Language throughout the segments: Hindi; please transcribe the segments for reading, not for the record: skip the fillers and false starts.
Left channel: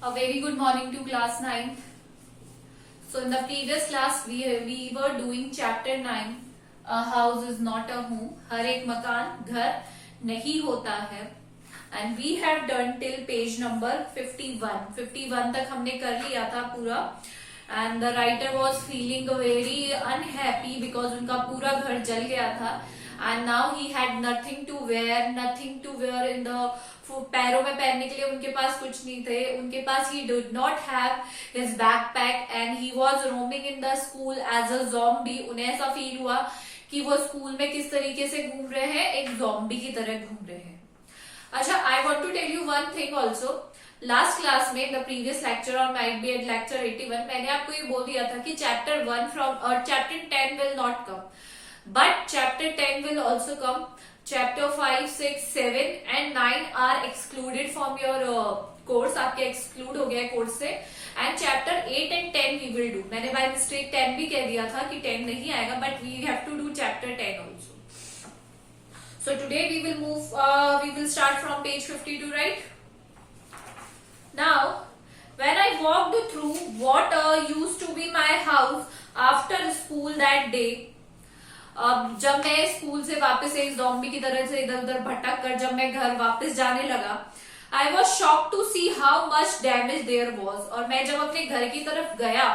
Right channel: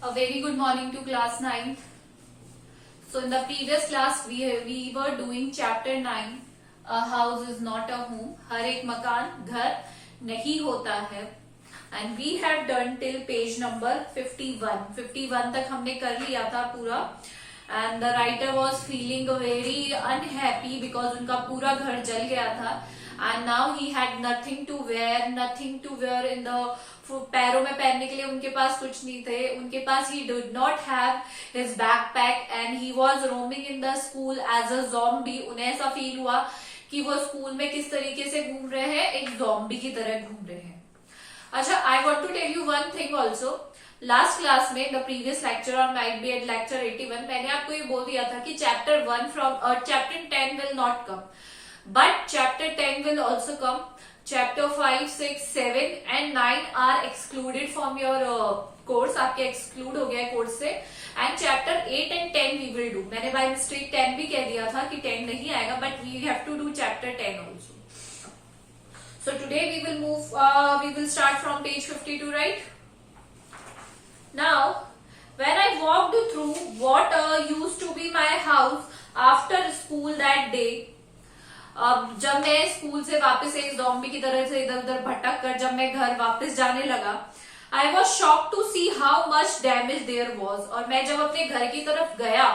A very good morning to class 9th. So in the previous class we were doing chapter 9. A house is not a home. हर एक मकान घर नहीं होता है. And we have done till page number 51. 51 तक हमने कर लिया था पूरा. And the writer was feeling very unhappy because उनका पूरा घर जल गया था. And now he had nothing to wear in the पैरों में पहनने के लिए उनके पास कुछ नहीं थे. उनके पास he did not have his backpack and he was roaming in the school as a zombie. उन्हें ऐसा फील हुआ कि वो स्कूल में किस तरीके से घूम रहे हैं, एक zombie की तरह घूम रहे हैं. अच्छा, I want to tell you one thing also. Last class में द प्रीवियस लेक्चर और माइट बी एट लेक्चर 81 मैंने आपको ये बोल दिया था कि chapter 1 from chapter 10 will not come, but chapter 10 will also come. Chapter 5, 6, 7 and 9 are excluded from your course. आपके एक्सक्लूड हो गया है कोर्स से. And chapter 8 and 10 we will do. मैंने बाय मिस्टेक 10 भी कह दिया था कि 10 नहीं आएगा, but we have to do chapter 10 also. So today we will move, we will start from page 52, right? Now, when I walked through what used to be my house after school that day, जब मैं स्कूल से वापस एक ज़ॉम्बी की तरह से इधर उधर भटक कर जब मैं घर वापस जाने लगा, I was shocked to see how much damage there was. और मैं जब अपने घर की तरफ गया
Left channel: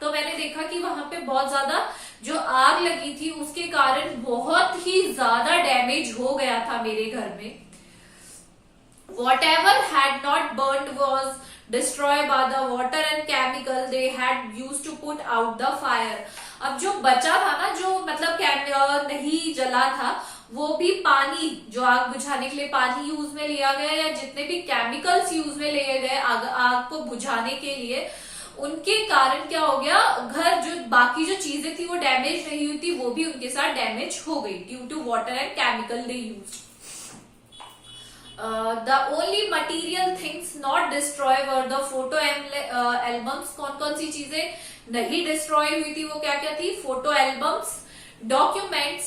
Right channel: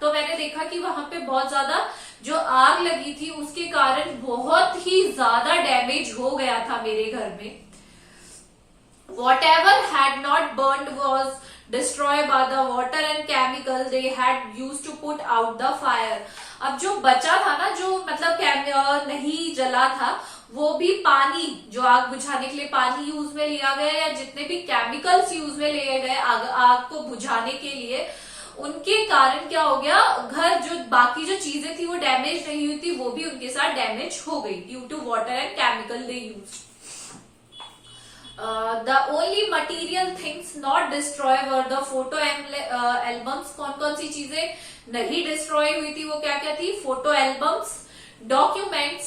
तो मैंने देखा कि वहां पे बहुत ज्यादा जो आग लगी थी उसके कारण बहुत ही ज्यादा डैमेज हो गया था मेरे घर में. Whatever had not burned was destroyed by the water and chemical they had used to put out the fire. अब जो बचा था ना, जो मतलब नहीं जला था, वो भी पानी, जो आग बुझाने के लिए पानी यूज में लिया गया या जितने भी केमिकल्स यूज में लिए गए आग को बुझाने के लिए, उनके कारण क्या हो गया, घर जो बाकी जो चीजें थी वो डैमेज नहीं हुई थी, वो भी उनके साथ डैमेज हो गई due to water and chemical they used. The only material things not destroy were the photo albums. कौन कौन सी चीजें नहीं डिस्ट्रॉय हुई थी, वो क्या क्या थी? Photo albums, documents,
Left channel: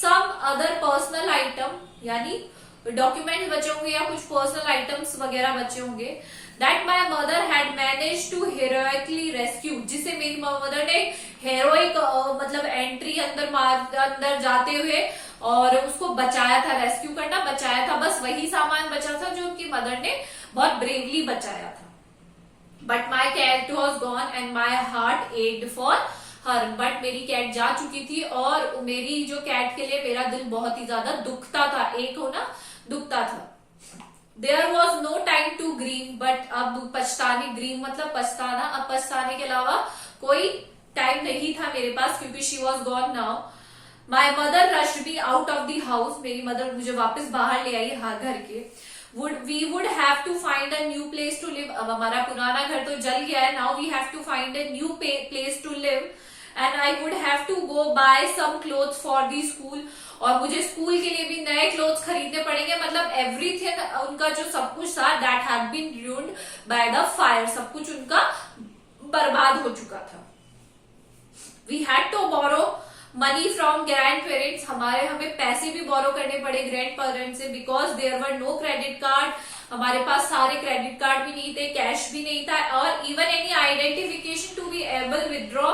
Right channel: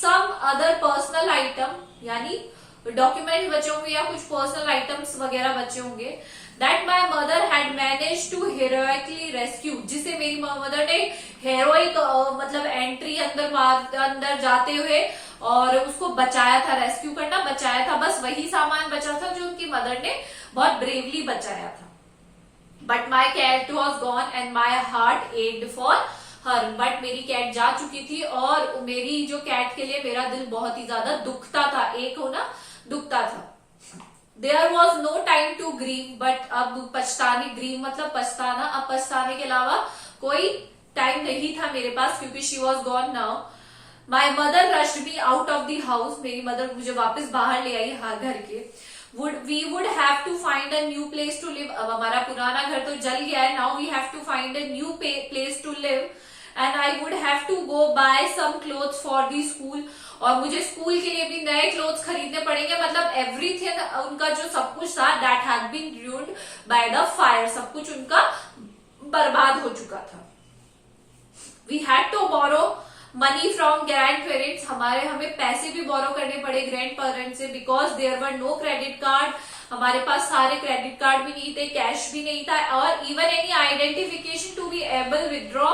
some other personal item, यानी डॉक्यूमेंट्स बचे होंगे या कुछ पर्सनल आइटम्स वगैरह बचे होंगे. That my mother had manage to heroically rescue, जिसे मेरी मदर ने हेरोइक मतलब एंट्री अंदर जाते हुए और उसको बचाया था. रेस्क्यू करना, बचाया था. बस वही सामान बचा था जो उनकी मदर ने बहुत ब्रेवली बचाया था. But my cat was gone and my heart ached for her. But मेरी कैट जा चुकी थी और मेरी जो कैट के लिए मेरा दिल बहुत ही ज्यादा दुखता था. एक हो ना, दुखता था. There was no time to grieve, but अब पछताने, ग्रीव मतलब पछताना, अब पछताने के अलावा कोई टाइम नहीं था मेरे पास क्योंकि she was gone now. My mother rushed me out of the house. मेरी मदर मुझे वापस बाहर ले आई घर के. We would have to find a new place to live. अब हमारा पुराना घर तो जल गया है. Now we have to find a new place to live and I would have to go buy some clothes for the school. और मुझे स्कूल के लिए भी नए क्लोथ्स खरीदने पड़ेंगे. मतलब एवरीथिंग, उनका जो सब कुछ था, that had been ruined by the fire. सब कुछ उनका बर्बाद हो चुका था. We had to borrow money from grand parents. हमें पैसे भी बोरो करने पड़े ग्रैंड पेरेंट्स से, because there were no credit card. हमारे पास सारे क्रेडिट कार्ड भी नहीं थे, कैश भी नहीं था, और even any identification to be able withdraw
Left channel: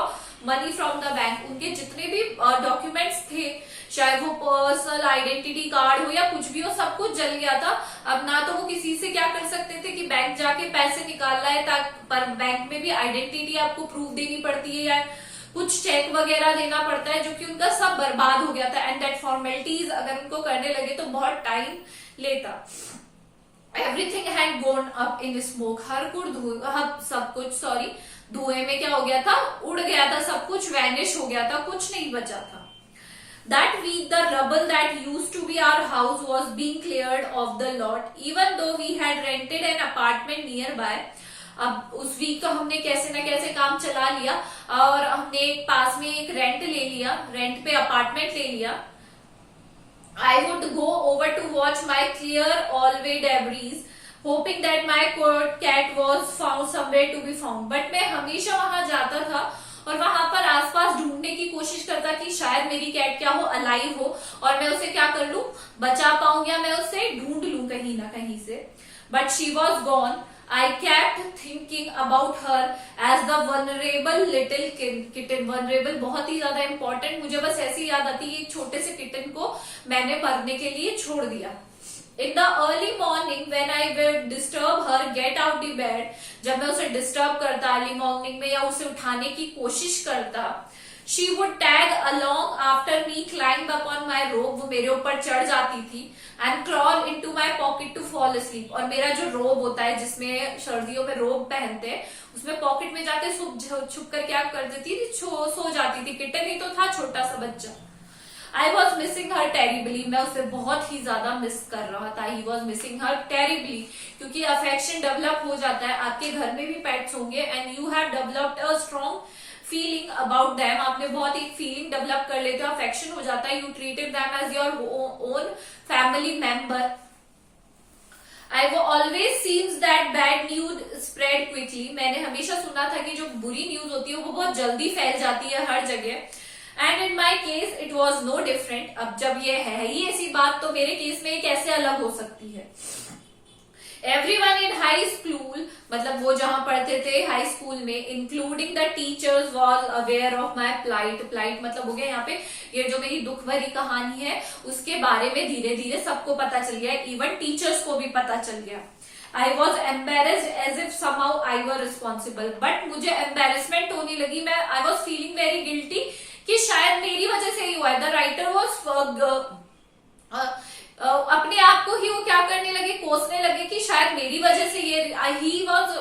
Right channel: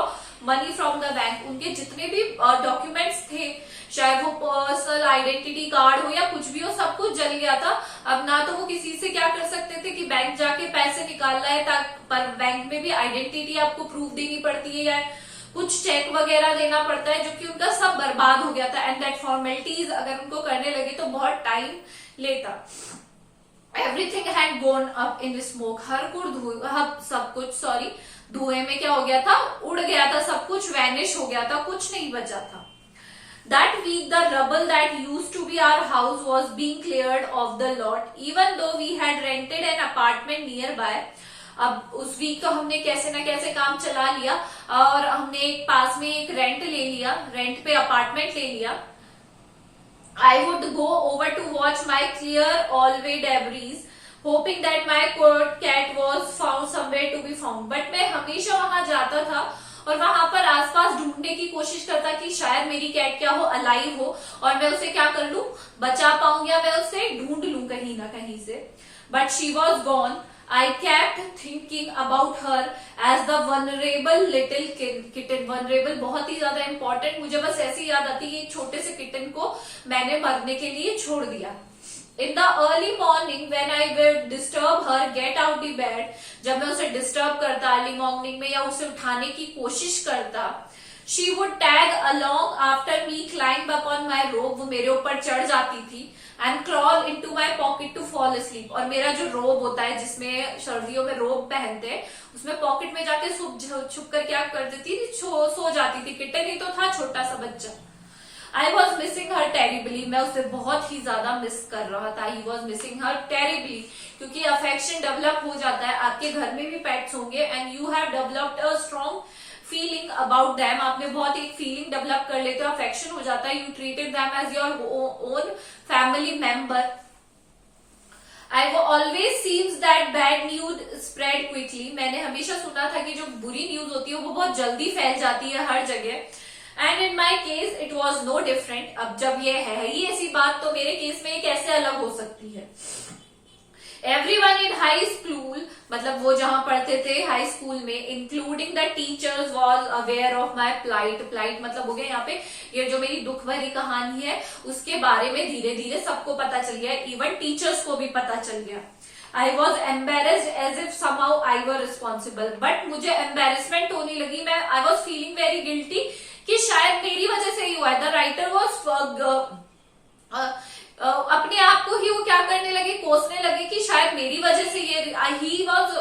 money from the bank. उनके जितने भी डॉक्यूमेंट्स थे, चाहे वो पर्सनल आइडेंटिटी कार्ड हो या कुछ भी हो, सब कुछ जल गया था. अब ना तो वो किसी से क्या कर सकते थे कि बैंक जाके पैसे निकालना है, पर बैंक में भी आइडेंटिटी आपको प्रूफ देनी पड़ती है या कुछ चेक वगैरह देना पड़ता है, जो कि उनका सब बर्बाद हो गया था. एंड दैट फॉर्मेलिटीज अगर उनको करने लगे तो बहुत टाइम लेता. Everything had gone up in smoke. सब कुछ धुएं में क्या हो गया था, उड़ गया था सब कुछ, वैनिश हो गया था, कुछ नहीं बचा था. That week the rubble that used to be our house was being cleared off the lot, even though we had rented an apartment nearby. अब उस वीक तो हमने कैसे ना कैसे काम चला लिया और हमने एक पास में एक रेंट ले लिया, रेंट पे अपार्टमेंट ले लिया. I would go over to watch my clear always debris, hoping that my cat was found somewhere to be found. But मैं हमेशा वहां जाता था और वहां पर आसपास ढूंढने की कोशिश करता कि शायद मेरी कैट क्या हो, अलाइव हो, और मैं उसे क्या कर लूं, बचा पाऊं, या मैं उसे ढूंढ लूं कहीं ना कहीं से. But she was gone. I kept thinking about her as the vulnerable little kitten. Vulnerable बहुत ही ज्यादा important, मुझे बस ऐसी याद आती है, एक छोटे से किटन को मैंने मरने के लिए छोड़ दिया. In the early morning when I will disturb her get out the bed, जब मैं उसे डिस्टर्ब करता अर्ली मॉर्निंग में या उसे उठाने की कोशिश करता, she would tag along after me, climb up on my robe, वो मेरे ऊपर चढ़ जाती थी, and crawl into my pocket to fall asleep. और मेरा जो रोब होता है जिसमें सर्दियों में रोब पहनते हैं, उसमें पॉकेट में जाके छुप कर क्या कर देती थी, सो जाती थी. किटन ही तो था, छोटा सा बच्चा. I was missing her terribly. मैं उसे बहुत ही ज्यादा मिस कर रहा था. He was missing her terribly. क्योंकि अफेक्शन डेवलप हो जाता है. आपके घर में भी पेट्स होंगे and you have developed a strong feeling about them. आपने बहुत एक फीलिंग डेवलप कर लेते हो, अफेक्शन हो जाता है. You treated them as your own family member. I always seems that bad news spread quickly. मैंने हमेशा सुना था कि जो बुरी न्यूज होती है वो बहुत जल्दी फैल जाती है हर जगह. And in my case it was no different. अब जब ये है ही ऐसी बात, तो मेरे केस में ये कैसे अलग हो सकती है. एवरीवन इन हाई स्कूल, मतलब वो जहां पढ़ते थे हाई स्कूल में, including the teachers was aware of my plight. Plight मतलब हो गया यहाँ पे ये जो मेरी दुख भरी कहानी है उसके बारे में धीरे धीरे सबको पता चल गया. इवन टीचर्स को भी पता चल गया. I was embarrassed as if somehow I were responsible. But मुझे एम्बेरसमेंट होने लगी. मैं I was feeling very guilty कि शायद मेरी वजह से ही हुआ है. द राइटर वॉज अपने आप को ही वो क्या करने लगे, कोसने लगे कि शायद मेरी वजह से ये, he was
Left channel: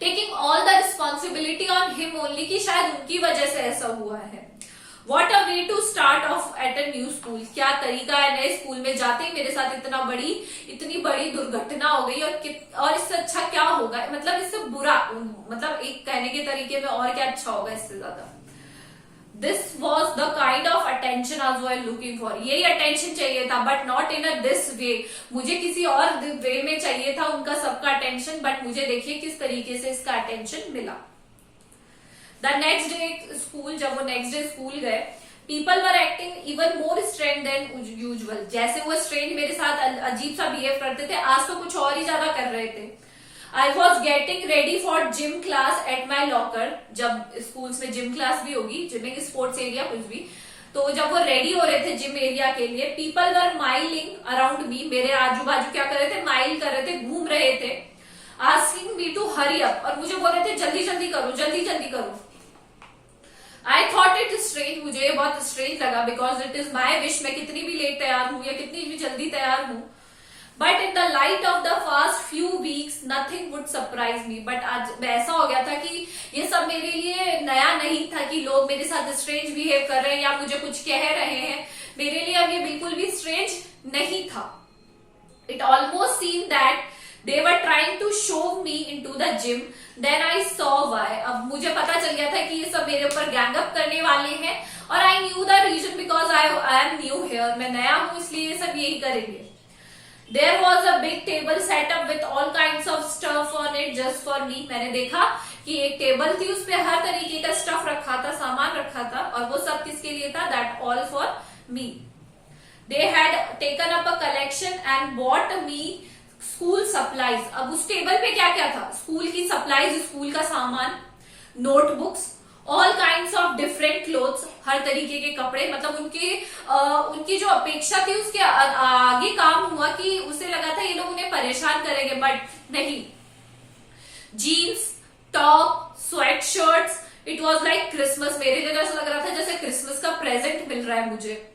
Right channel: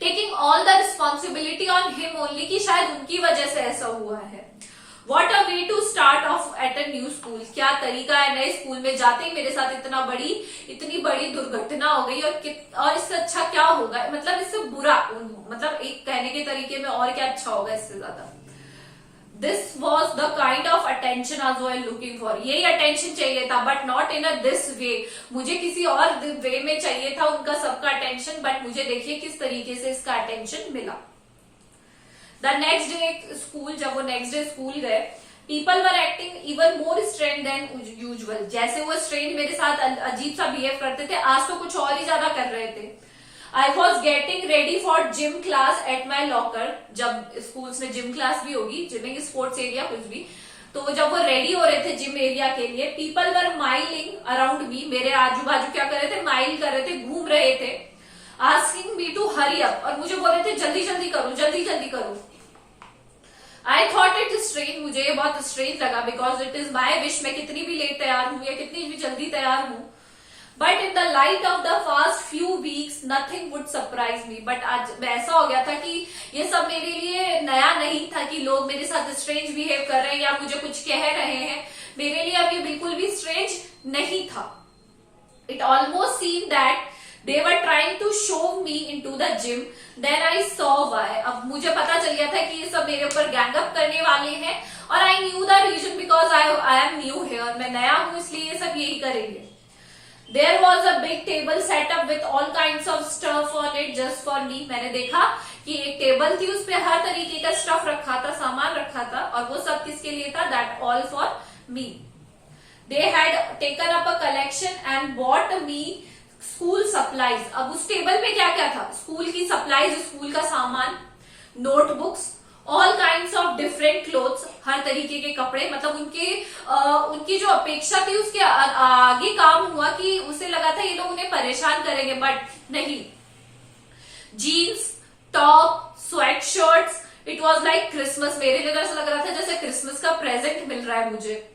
taking all the responsibility on him only, कि शायद उनकी वजह से ऐसा हुआ है. What a way to start off at a new school. क्या तरीका है, नए स्कूल में जाते ही मेरे साथ इतनी बड़ी दुर्घटना हो गई. और इससे अच्छा क्या होगा, मतलब इससे बुरा, मतलब एक कहने के तरीके में और क्या अच्छा होगा इससे ज्यादा. This was the kind of attention I was looking for. यही अटेंशन चाहिए था, but not in a this way. मुझे किसी और वे में चाहिए था उनका सबका अटेंशन, बट मुझे देखिए किस तरीके से इसका अटेंशन मिला. द नेक्स्ट डे स्कूल, जब वो नेक्स्ट डे स्कूल गए, people were acting even more strange than usual. जैसे वो स्ट्रेंज मेरे साथ अजीब सा बिहेव करते थे, आज तो कुछ और ही ज्यादा कर रहे थे. I was getting ready for gym class at my locker. जब स्कूल्स में जिम क्लास भी होगी, जिमिंग स्पोर्ट्स एरिया कुछ भी, तो जब वो रेडी हो रहे थे जिम एरिया के लिए, people were milling around me. मेरे आजू बाजू क्या कर रहे थे, माइल कर रहे थे, घूम रहे थे. Asking me to hurry up, और मुझे बोल रहे थे जल्दी जल्दी करो, जल्दी जल्दी करो. I thought it strange. मुझे ये बहुत स्ट्रेंज लगा, because it is my wish. मैं कितनी भी लेट तैयार हूं या कितनी भी जल्दी तैयार हूं, but in the light of the fast few weeks nothing would surprise me. But आज ऐसा हो गया था कि ये सब मेरे लिए नया नहीं था कि लोग मेरे साथ स्ट्रेंज बिहेव कर रहे हैं या मुझे कुछ कह रहे हैं. मेरे लिए अब ये बिल्कुल भी स्ट्रेंज नहीं था. It almost seen that they were trying to shove me into the gym. Then I saw why. अब मुझे पता चल गया था कि ये सब मेरे ऊपर गैंग अप करने वाले हैं, और I knew the reason because I am new here. मैं नया हूं इसलिए ये सब यही करेंगे. There was a big table set up with all kinds of stuff on it just for me. मैंने देखा कि एक टेबल थी, उस पे हर तरीके का स्टफ रखा था, सामान रखा था, और वो सब किसके लिए था, that all for me. They had taken up a collection and bought me school supplies. अब उस टेबल पे क्या क्या था, स्कूल की सप्लाईज, स्कूल का सामान, notebooks, all kind of different clothes, हर तरीके के कपड़े. मतलब उनकी जो अपेक्षा थी उसके आगे काम हुआ कि उसे लगा था ये लोग उन्हें परेशान करेंगे, बट नहीं. Jeans, top, sweat shirts, it was like Christmas. मेरे लिए तो ऐसा लग रहा था जैसे क्रिसमस का प्रेजेंट मिल रहा है मुझे.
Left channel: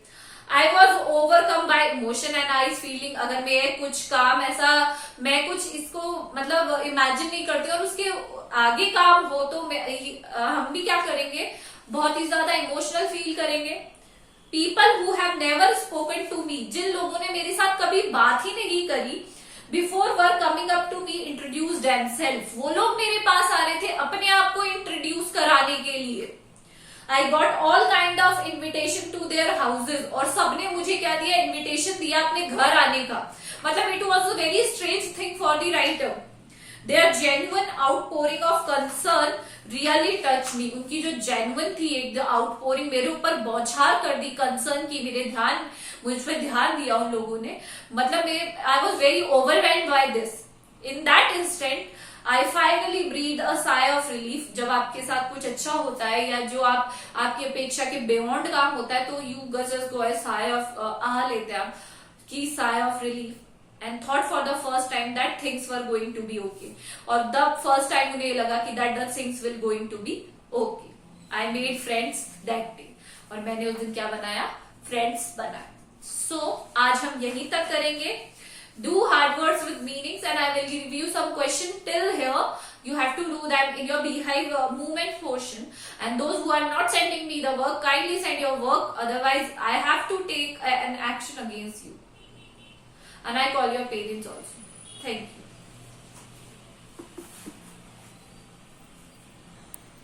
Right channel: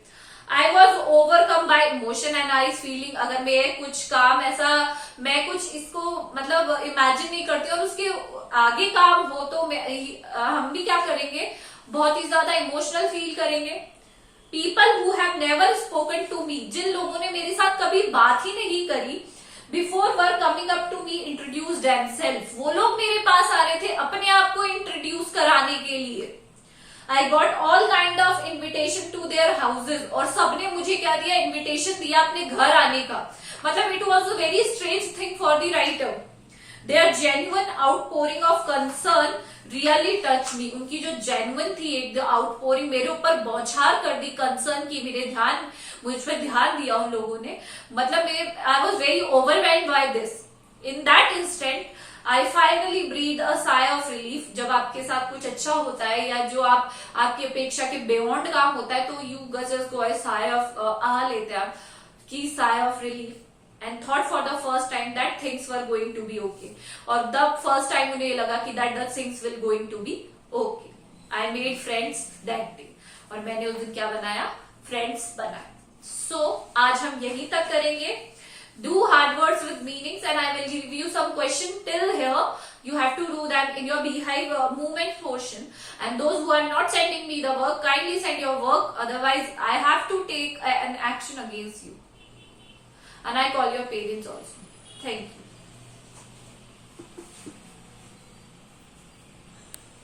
I was overcome bye emotion and I feeling. अगर मैं कुछ काम ऐसा, मैं कुछ इसको मतलब इमेजिन नहीं करती और उसके आगे काम हो, तो हम भी क्या करेंगे, बहुत ही ज्यादा इमोशनल फील करेंगे. People who have never spoken to me. जिन लोगों ने मेरे साथ कभी बात ही नहीं करी, before were coming up to me introduce themselves. वो लोग मेरे पास आ रहे थे अपने आप को इंट्रोड्यूस कराने के लिए. I got all kind of invitation to their houses. और सबने मुझे क्या दिया, इन्विटेशन दिया अपने घर आने का. मतलब it was a very strange thing for the writer. Their genuine outpouring of concern really touched me. उनकी जो genuine थी एक outpouring, मेरे ऊपर बौछार कर दी concern की, मुझ पर ध्यान दिया उन लोगों ने. मतलब I was very overwhelmed by this. In that instant, I finally breathe a sigh of relief. जब आपके साथ कुछ अच्छा होता है या जो आपकी अपेक्षा के बियॉन्ड काम होता है, तो you just go sigh of आह लेते हैं आप कि sigh of relief. And thought for the first time that things were going to be okay. और the first time उन्हें लगा कि that the things will going to be okay. I made friends that day. और मैंने उस दिन क्या बनाया? Friends बनाया. So आज हम यहीं तक करेंगे. Do hard words with meanings, and I will give you some question till here. You have to do that in your beehive movement portion. And those who are not sending me the work, kindly send your work. Otherwise, I have to take an action against you. And I call your parents also. Thank you.